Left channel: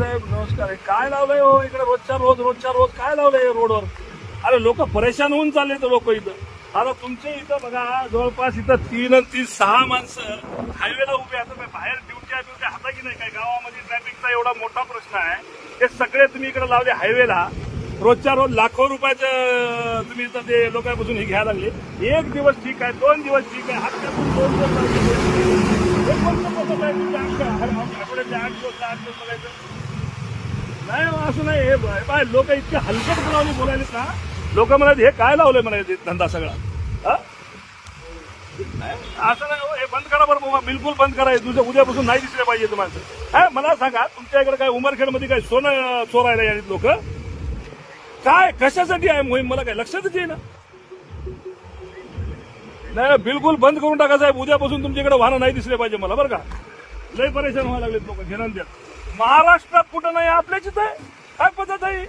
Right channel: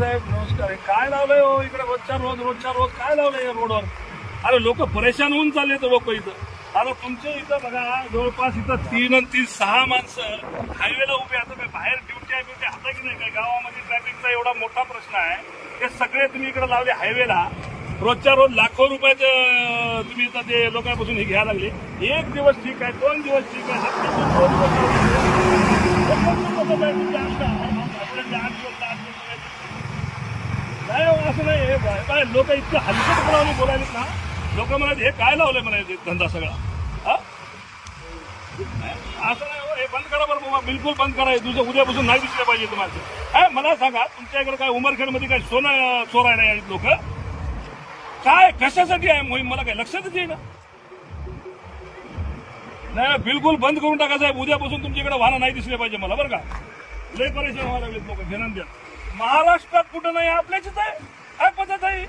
साहेब नमस्कार. काय लावलंय हो इकडे रोजच्या रोज काय लावलंय रोडवर? अरे लोक परेशान होऊन चालले तर लोक इथं. आता तुमच्या इथं बघा जवळपास इथं 3 आणि 3 6 माणसं हायवेला उभे. आता मी बाहेर ड्युटी हाता की नाही काय गावामध्ये ट्रॅफिकचा एवढा मोठा प्रश्न आहे. ते सगळे तुम्ही इकडे लावले हायवेला. रोजच्या रोज लाखो रुपयाचं तुम्ही इथं ते लोकांपासून हे घ्यायला लागले. एक दिवस ठीक आहे, 2 दिवस ठीक आहे, नाही असं नाही. हे बाय लोक इतकं हलकट बोलायला ना. लोक म्हणाले हे काय लावलंय म्हणायचे धंदा सगळा. असं नाही हो, हे बंद करा बरं, बिलकुल बंद करा. उद्यापासून नाही दिसले पाहिजे तुम्हाला. काय मला सांगा, तुमच्या इकडे काय उमरखेडमध्ये काय सोनं चोरायला यायचे लोक? काय कशासाठी आहे मोहीम मला काय लक्षातच येईना. नाही बिलकुल बंद करून टाका साहेब. उद्यापासून तुमच्याकडे वाहनं नाही दिसले पाहिजे मला बरं का. लय परेशान व्हायला लागलेत लोक. महाराष्ट्रात कुठं नाही, आपल्याच आहे. काय पद्धत आहे?